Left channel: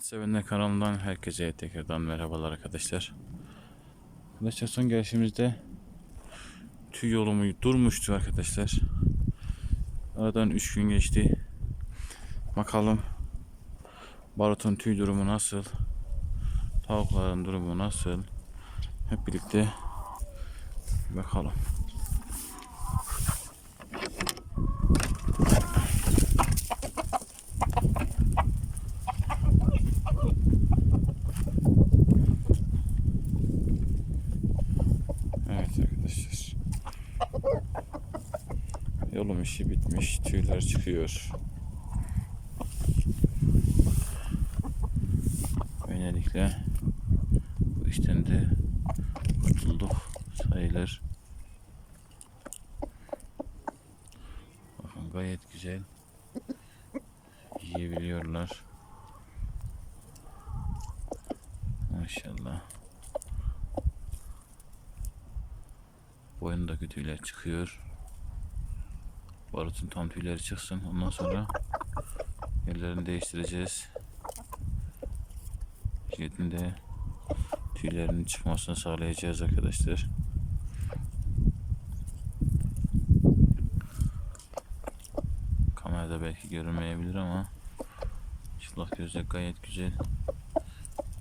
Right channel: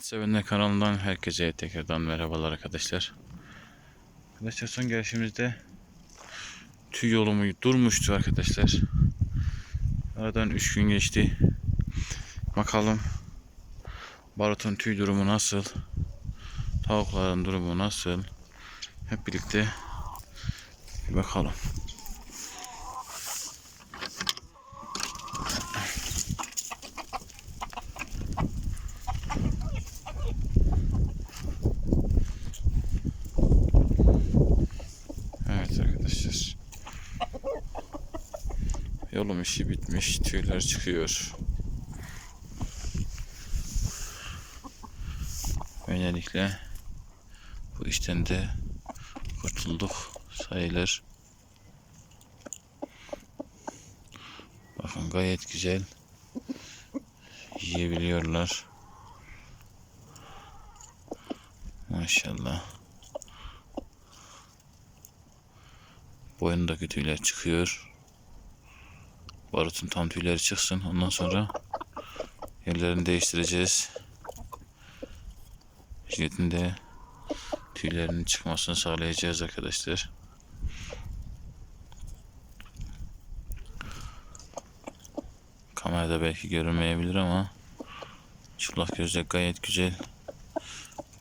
At Sevenler kanalından herkese tekrardan merhabalar arkadaşlar. Arkadaşlar son gelişimizde tüy yolumu durmuştu arkadaşlar. Aradan 3 gün geçti. Bakalım barutun tüy durumu nasıl? Tavukların durumu nasıl? Hep birlikte bir bakalım. Evet arkadaşlar. Yolum işi bitmiş. Tüyler çıkıyor. Böylelikle bu işten de kurtulduk sayılır. Bakın gayet güzel yiyebiliyorlar. Maşallah. Boynundaki tüyler çıkıyor. Barutun tam tüyleri çıksın. Ondan sonra yerlerini değiştireceğiz. Jiletin de tüylerinin çıkmasını sağlayacağız arkadaşlar. Kamerada belki görünmeyebilir ama çıplak gözle gayet güzel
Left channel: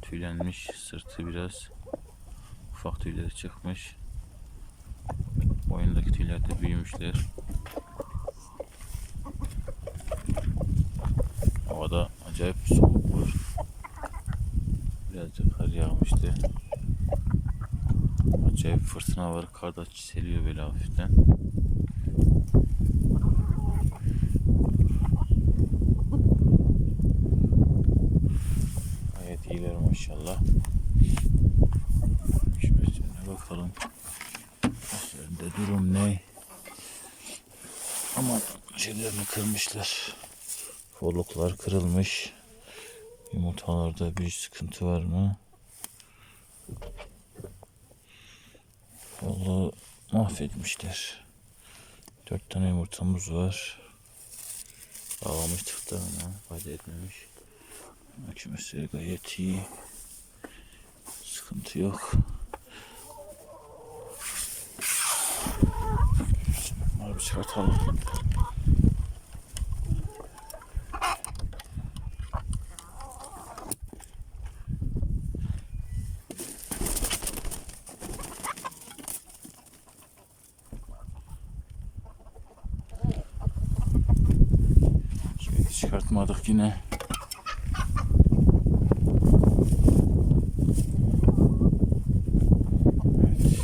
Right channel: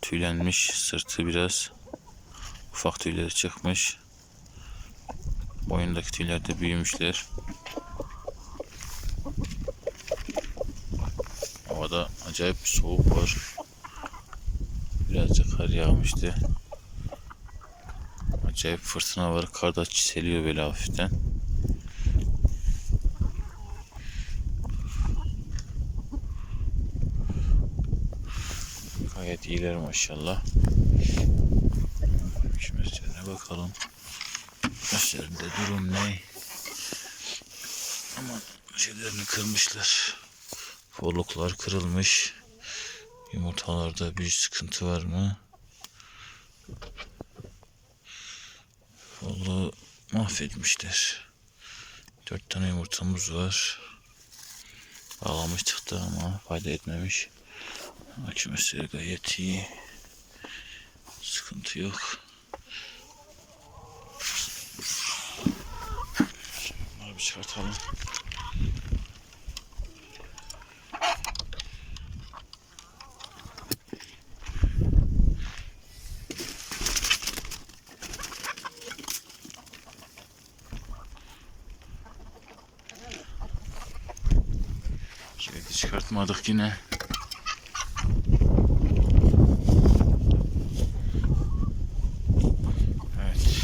tüylenmiş. Sırtı biraz ufak tüyleri çıkmış. Boyundaki tüyler de büyümüşler. Acayip bir soğuk var. Birazcık kar yağmıştı. Acayip fırtına var. Kar da çiseliyor böyle hafiften. Gayet iyiler maşallah. Şimdi şöyle bakalım. Başlarında durum ne? Ama şeylerini kırmışlar. Forluklar kırılmış. Yumurtalarda bir sıkıntı var mı? Vallahi mahvetmişler. Dört tane yumurtamız var. Bağlamıştık da ama fayda etmemiş. Akümesleri gayet iyi. Sıkıntı yok. Bunları bir çıkartalım. Çıkartmadık yine. Evet.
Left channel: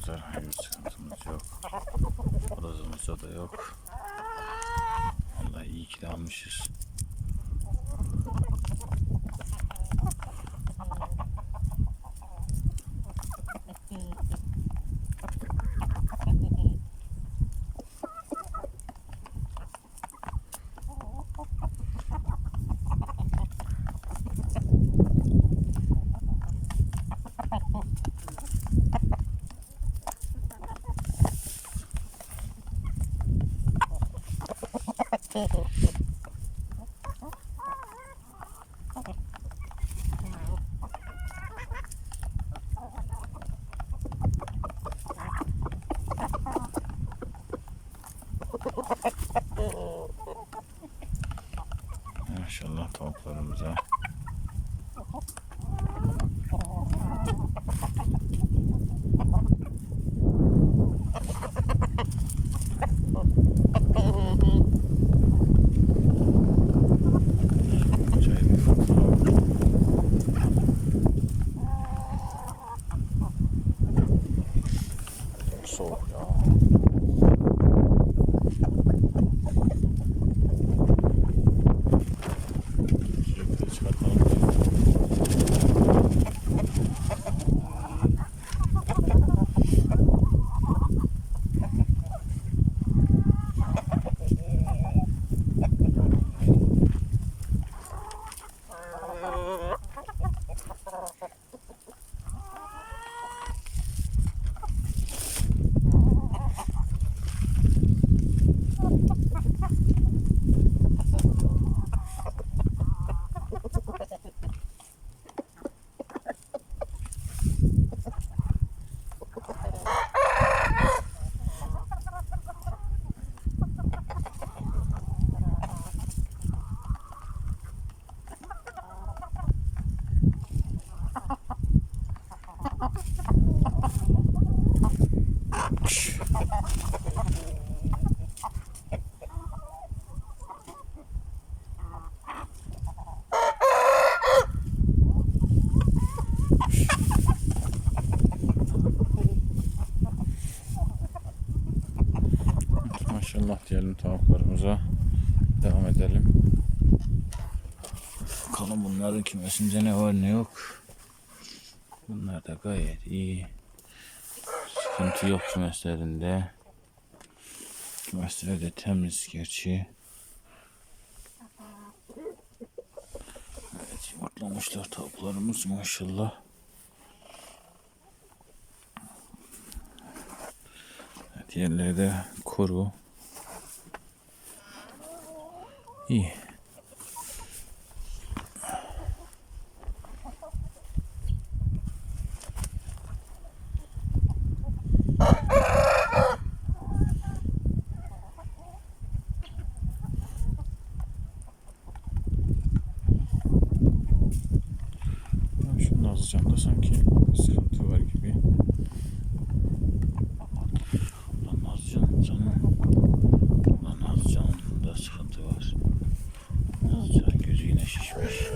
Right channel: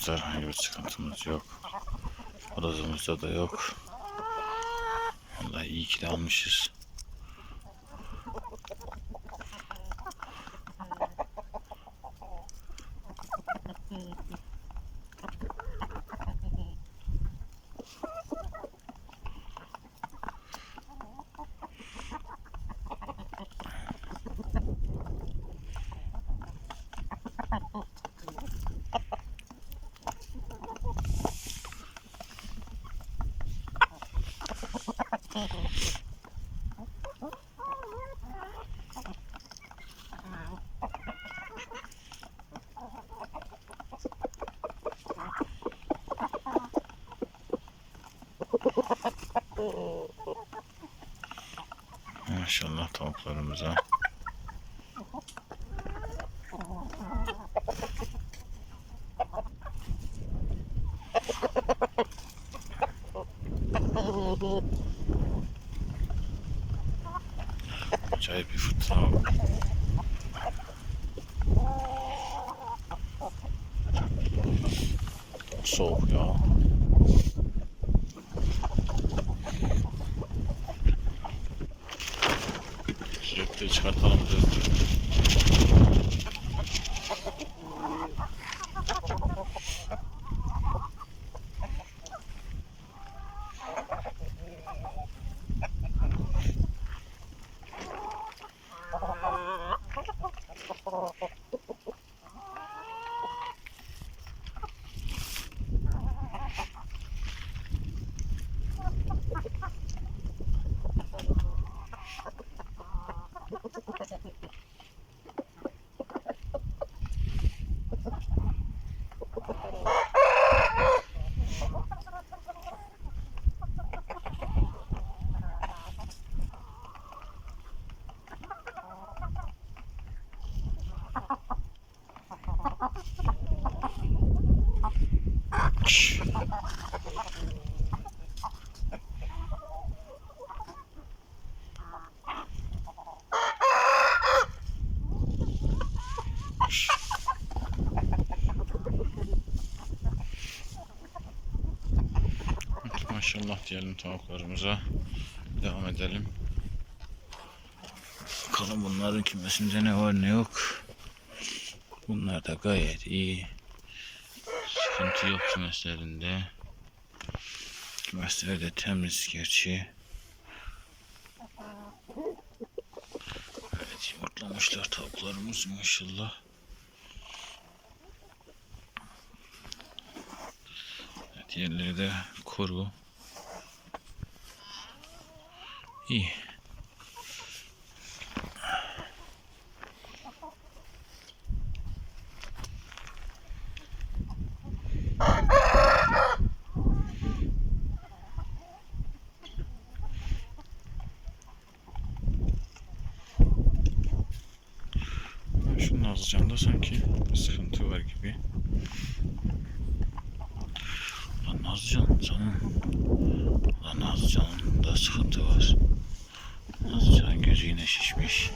Tavuklarımızda herhangi bir sıkıntımız yok. Odamızda da yok. Vallahi iyi ki de almışız. Maşallah tavuklarımıza. Soğuk ya. Sürekli çıkartalım. Maşallah diyelim tavuklarımıza. Devam edelim. Bakalım bunların kümesinde ne var ne yok. Bunlar da gayet iyi. Sıkıntı yok kümeslerinde. Kümesler de temiz gerçi. Evet yumurtlamışlar tavuklarımız maşallah. Evet, yerleri de koru. İyi. Ya Şu Nazlıcan'da sanki bir sıkıntı var gibi. Ulan Nazlıcan canım. Ulan Nazlıcan'ın da sıkıntı var. Nazlıcan'ın gözü yine şişmiş.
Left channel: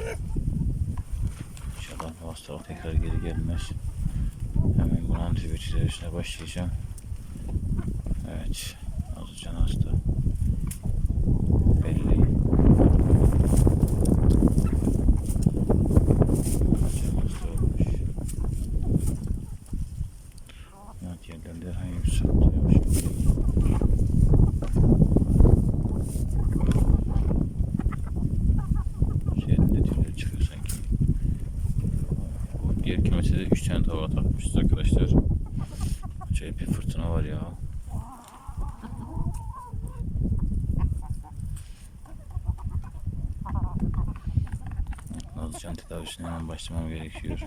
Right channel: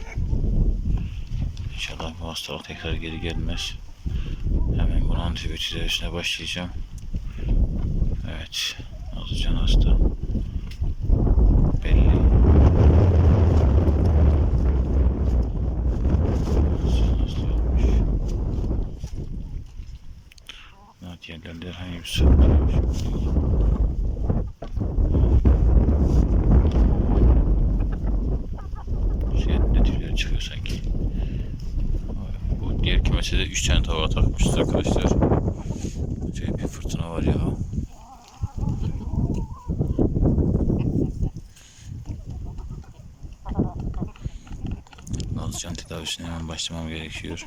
İnşallah bu hastalık tekrar geri gelmez. Hemen bunun antibiyotik tedavisine başlayacağım. Evet. Nazlıcan hasta. Belli. Nazlıcan hasta olmuş. Evet, Şimdi Şeyin de tüyleri çıkıyor sanki. Bu diğer kümese de 3 tane tavuk takmışız arkadaşlar. Acayip bir fırtına var ya. Nazlıcan tedavisine hemen başlamam gerekiyor.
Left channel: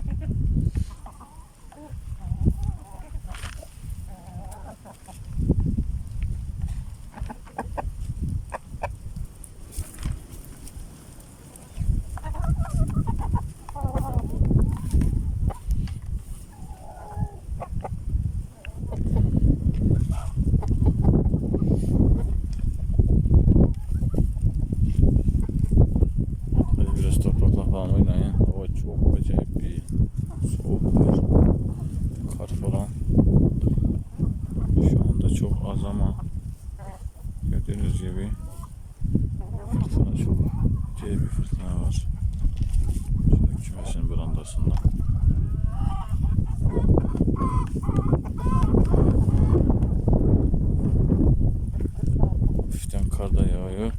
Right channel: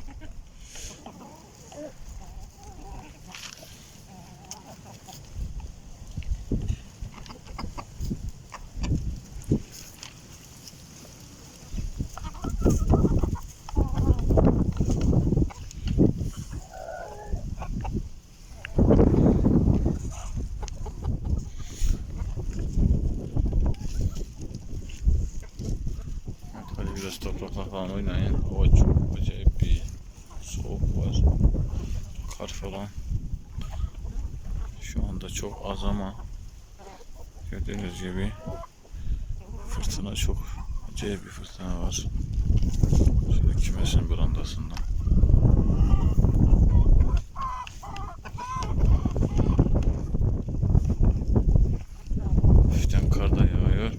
Böyle biraz toprakla falan oynayın. Hava çok acayip bir soğuk var. Kar falan. Şu anda çok az ama gördüğünüz gibi fırtına çok acayip bir fırtına var. Şöyle kümesin brandasında. Hafiften kar da yağıyor.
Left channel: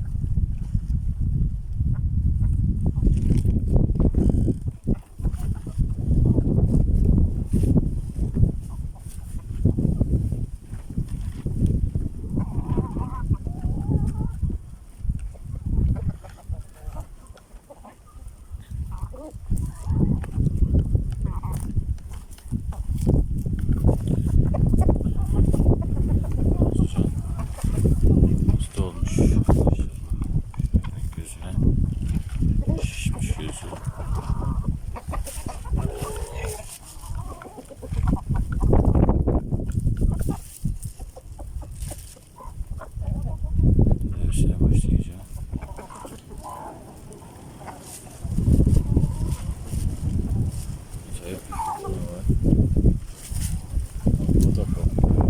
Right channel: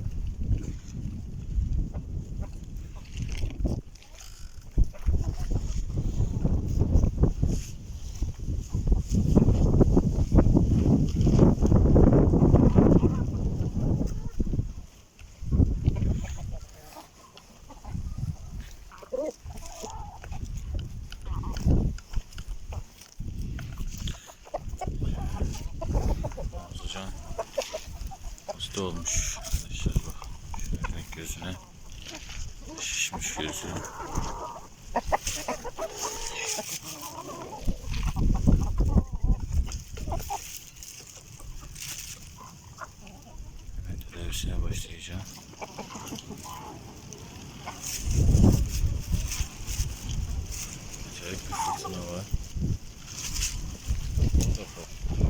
Hocam hasta olmuş arkadaşlar bak şöyle gözüne şişmiş gözü. Evet tedavisine başlayacağım. Acayip bir fırtına var. Bu da korkuyor.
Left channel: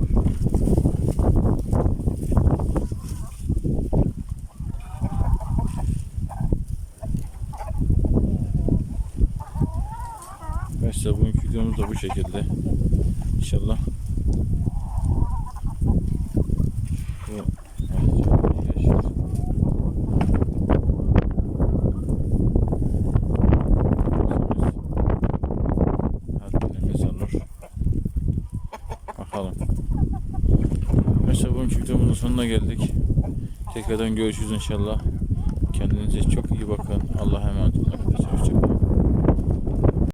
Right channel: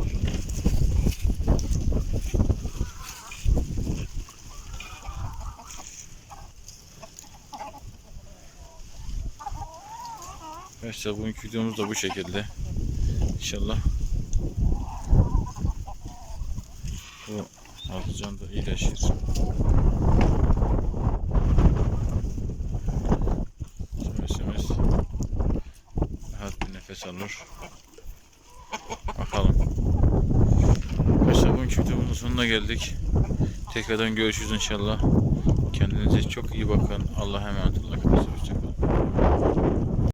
Arkadaşlar bugünkü videomuz da bu şekilde. İnşallah bu atacaklar iyileşir. Videomuzun sonuna geldik. Tekrardan görüşürüz inşallah. Kendinize çok iyi bakın. Allah'a emanet olun. Hoşçakalın.